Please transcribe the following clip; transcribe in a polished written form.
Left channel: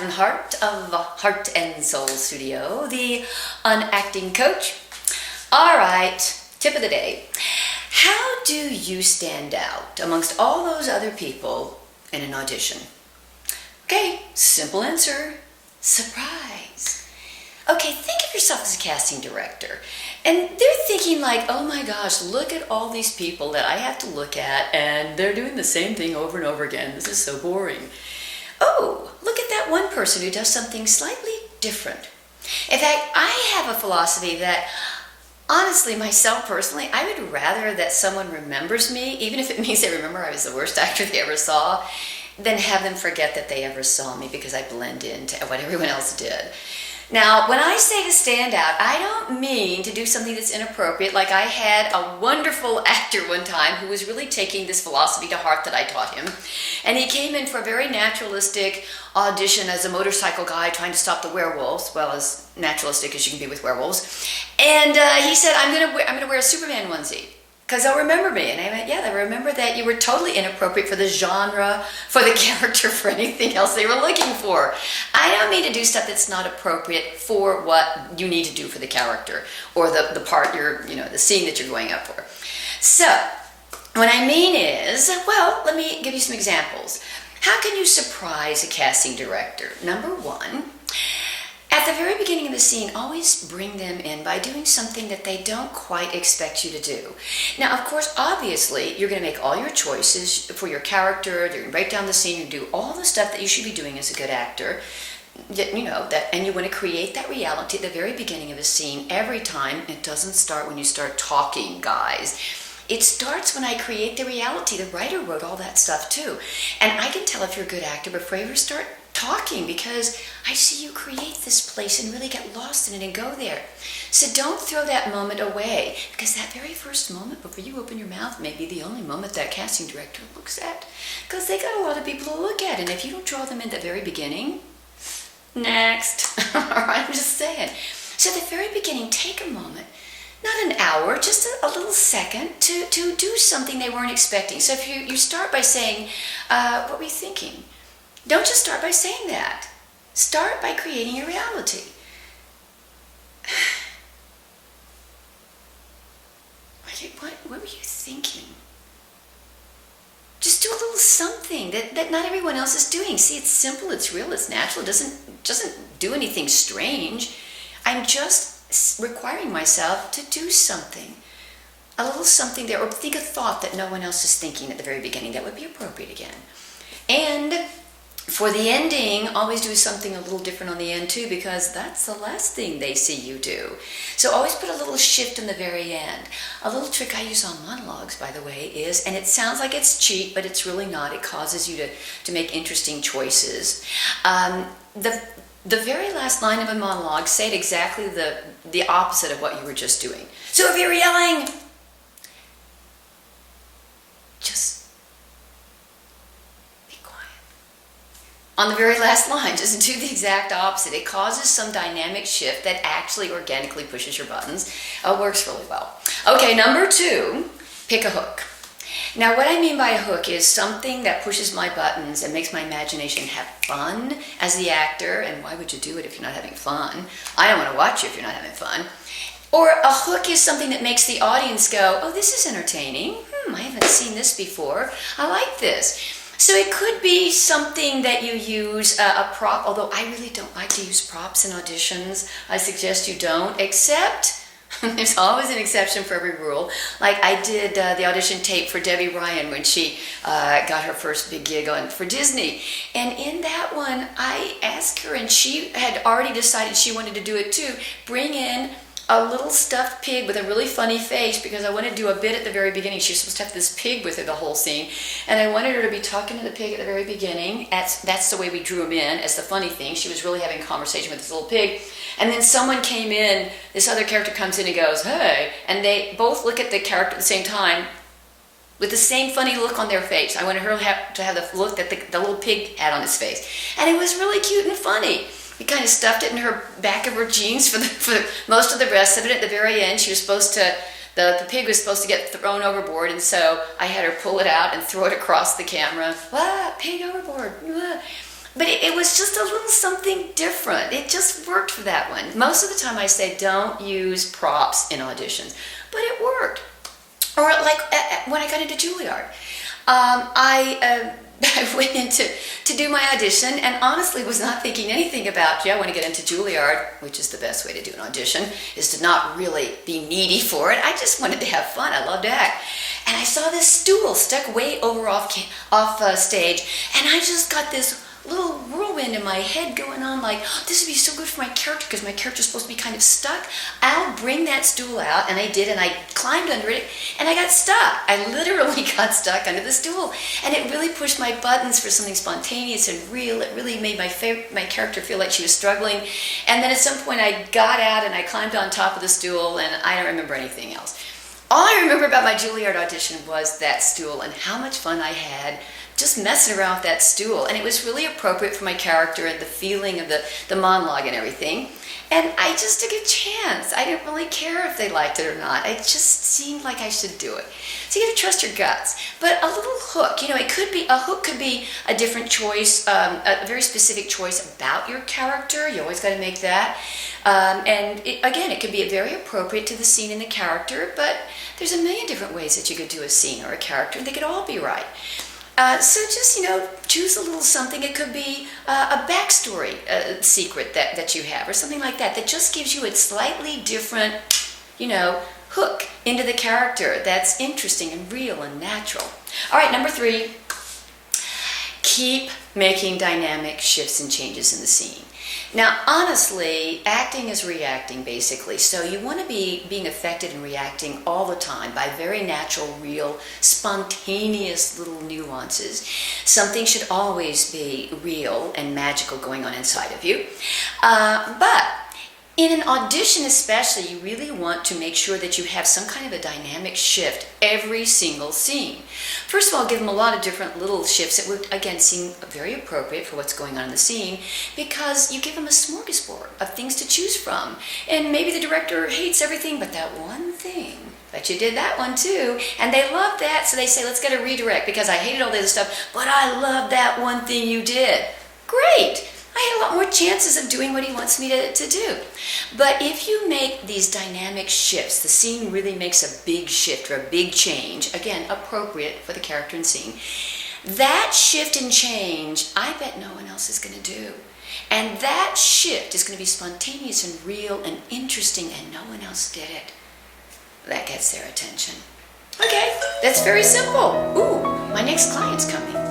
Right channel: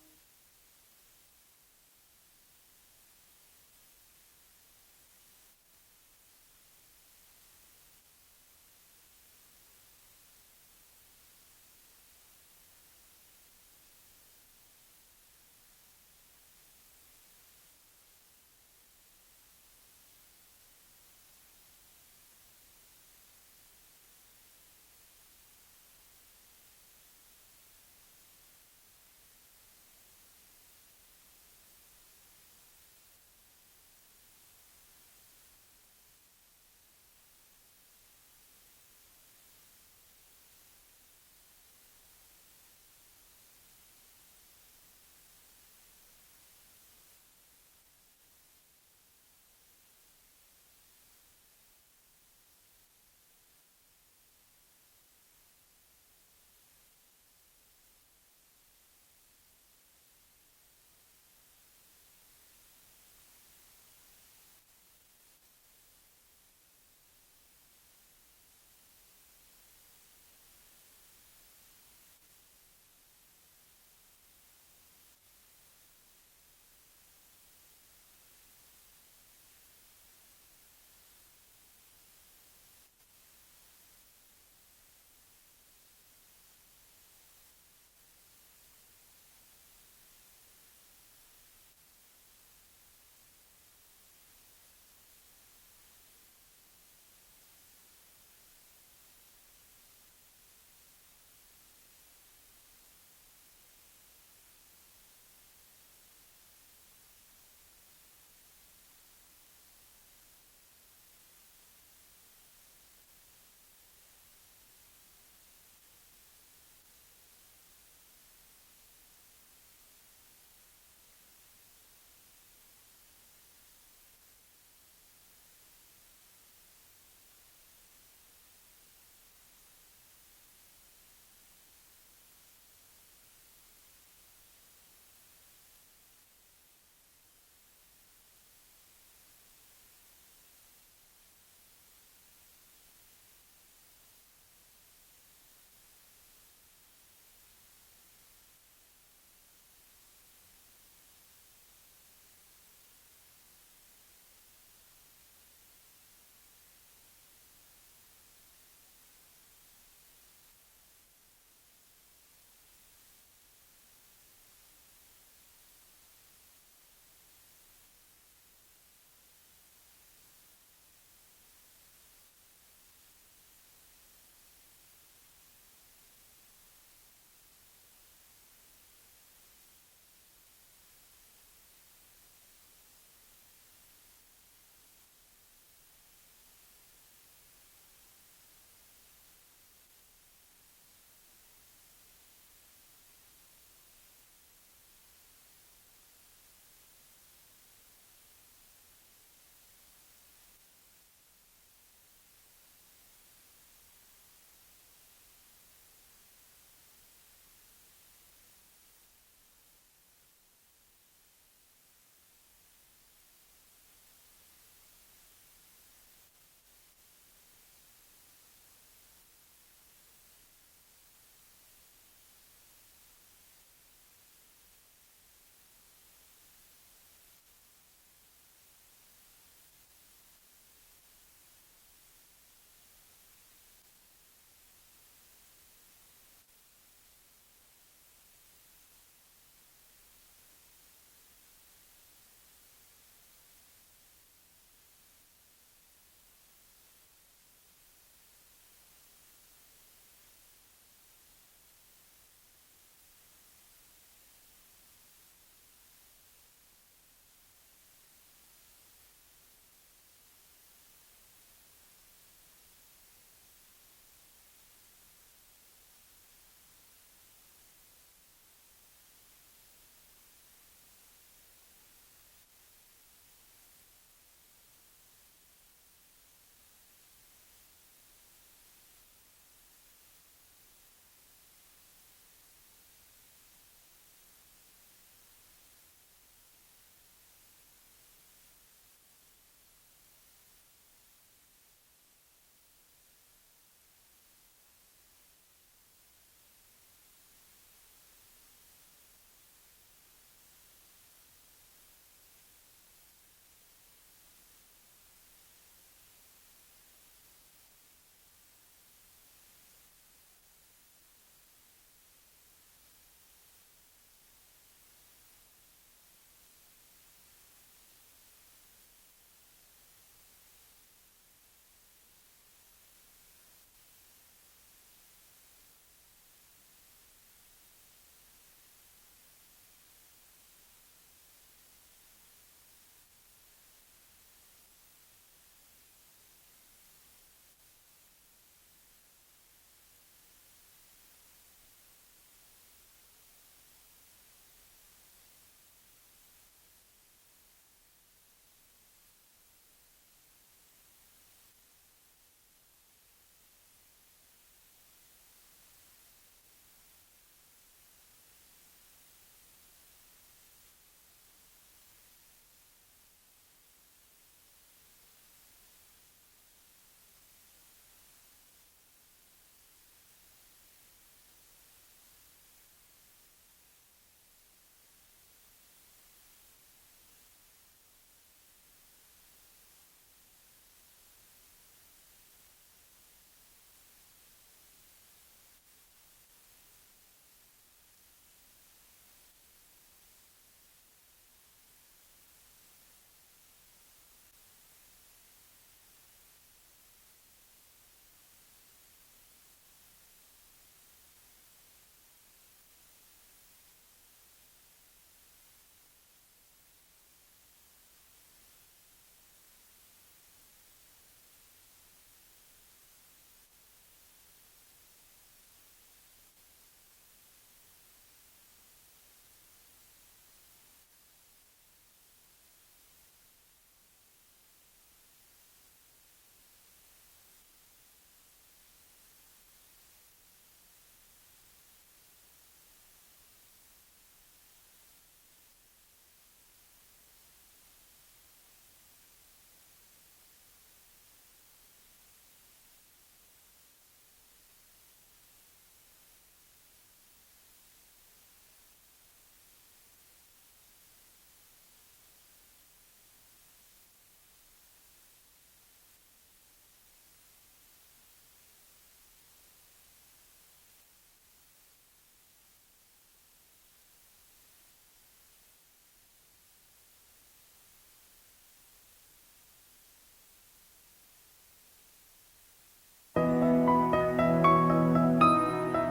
Cathryn Hartt of Heart and Soul Studio, the unacting coach. All right, tip of the day. How do you stand out amongst all those other people in an audition? Okay, simple answer, surprise. Okay, think of yourself as a casting director. And they're thinking like, oh my gosh, look at all these people that I have to look at and they're doing the same thing over and over again. This is so boring. Oh, look at that one person who does something slightly different. In fact, I have a philosophy that, honestly, myself personally, I would rather that someone remembers me, even if it means they remember I was the worst actor they ever saw, than have them forget that they ever saw me because I blend into what everyone else did. Now, when I say to stand out, I don't mean to do something that's inappropriate. Like I had a wonderful actor one time who was really taking this philosophy to heart that I taught him. And he came in for a very naturalistic audition as a motorcycle guy trying to stop the werewolves, well, as naturalistic as you can be with werewolves. And he said, I'm gonna wear a Superman onesie, because they'll remember me. And I went, yeah, they'll remember that you were totally inappropriate for the genre, for the character, for anything else they were looking for. I don't mean to do stuff that's not appropriate for what you need to do for the character, or the part the scene that you're going up for. So, what I mean is, well, let me give you some examples. How can you surprise a casting director? Number one, at the very beginning of the scene, always bring them in by doing something that they don't quite expect you to do. Now, of course, obviously, you're going to make all your choices for your character, you're going to write down the scene, and do all the stuff that you should be doing as a good actor. And you want to create that reality at the very beginning of a scene every time. It doesn't start when you start talking, guys. It starts when I create the reality. The writer wrote all that stuff too. And I can tell if you're a good actor before you ever start talking, because I see you create this place and really get lost in it and go there. So don't throw that moment away, because that very first moment before you open your mouth may be the only moment that casting director looks at, because they got a lot of people to look at. And if you don't draw them in at the very beginning, next. All right, I'm just saying. So at the very beginning, take a moment, not an hour, just a little second to do something they weren't expecting. So if you start by saying, what were you thinking? Don't just start by saying that. Start by creating a reality. What were you thinking? Just do a little something that not everyone else is doing. See, it's simple, it's real, it's natural, it doesn't do anything strange. I'm just requiring myself to do something. A little something there, or think a thought that no one else is thinking at the very beginning. That would be appropriate again. And for the ending, always do something a little different on the end too, because that's the last thing they see you do. So always put a little shift in the very end. A little trick I use on monologues, by the way, is, and it sounds like it's cheap, but it's really not. It causes you to make interesting choices. The very last line of a monologue, say it exactly the opposite of what you were just doing. So if you're yelling, just on the very last line, just do the exact opposite. It causes some dynamic shift that actually organically pushes your buttons. It works really well. Okay, number two, pick a hook. Now, what I mean by a hook is something that pushes my buttons and makes my imagination have fun as the actor. And why would you do it if you're not having fun? I don't want to watch you if you're not having fun. Or a hook is something that makes the audience go, oh, this is entertaining. I haven't seen this before. I like this. So it could be something that you use, a prop, although I really don't like to use props in auditions. I suggest you don't, except there's always an exception for every rule. Like I did the audition tape for Debbie Ryan when she got her first big gig for Disney. And in that one, I asked her, and she had already decided she wanted to do it too, bring in a little stuffed pig with a really funny face, because I wanted to do a bit at the very beginning. She was supposed to have this pig with her the whole scene, and I wanted her to be talking to the pig at the very beginning. That's the way we drew him in, as the funny thing. She was really having a conversation with this little pig, and then someone came in, this other character comes in and goes, hey, and they both look at the character at the same time with the same funny look on their face. I wanted her to have the look that the little pig had on his face, and it was really cute and funny. We kind of stuffed it in her back of her jeans for most of the rest of it. At the very end, she was supposed to, the pig was supposed to get thrown overboard, and so I had her pull it out and throw it across the camera. Pig overboard. but it was just a little something different. It just worked for that one. Most of the time I say don't use props in auditions, but it worked. Or like when I got into Juilliard, I went in to do my audition and honestly was not thinking anything about, I want to get into Juilliard, which is the best way to do an audition, is to not really be needy for it. I just wanted to have fun. I love to act. And I saw this stool stuck way over off stage, and I just got this little whirlwind in my head going on like, oh, this would be so good for my character because my character's supposed to be kind of stuck. I'll bring that stool out, and I did, and I climbed under it, and I got stuck. I literally got stuck under the stool, and it really pushed my buttons for something spontaneous and real. It really made my character feel like she was struggling, and then at some point I got out and I climbed on top of the stool, and I don't remember anything else. All I remember about my Juilliard audition was that stool and how much fun I had just messing around with that stool. And it was really appropriate for my character and the feeling of the monologue and everything. And I just took a chance. I didn't really care if they liked it or not. It just seemed like I should do it. So you have to trust your guts. But a little hook, a hook could be a different choice, a very specific choice about your character. You always got to make that. It could be very appropriate to the scene and the character, but there's a million different ways that you could do a scene or a character, and they could all be right. So just, choose a little something. It could be a backstory secret that you have or something like that just gives you a slightly different, hook into the character that's interesting and real and natural. All right, number 3, keep making dynamic shifts and changes in the scene. Now, honestly, acting is reacting, basically. So you want to be being affected and reacting all the time by very natural, real, spontaneous little nuances. Something should always be real and magical going on inside of you. But in an audition especially, you really want to make sure that you have some kind of a dynamic shift every single scene. First of all, give them a lot of different little shifts that would, again, seem very appropriate for what's going on in the scene, because you give them a smorgasbord of things to choose from. And maybe the director hates everything but that one thing. But you did that one too, and they love that, so they say, let's get a redirect because I hated all the other stuff, but I love that one thing you did. Great! I had a lot more chances of doing what he wants me to do. But if you make these dynamic shifts, the scene really makes a big shift or a big change, again, appropriate for the character and scene, that shift and change, I bet no one else is going to do. And that shift is going to be spontaneous and real and interesting, and no one else did it. That gets their attention. Okay, that's very simple. Ooh, my next client's coming.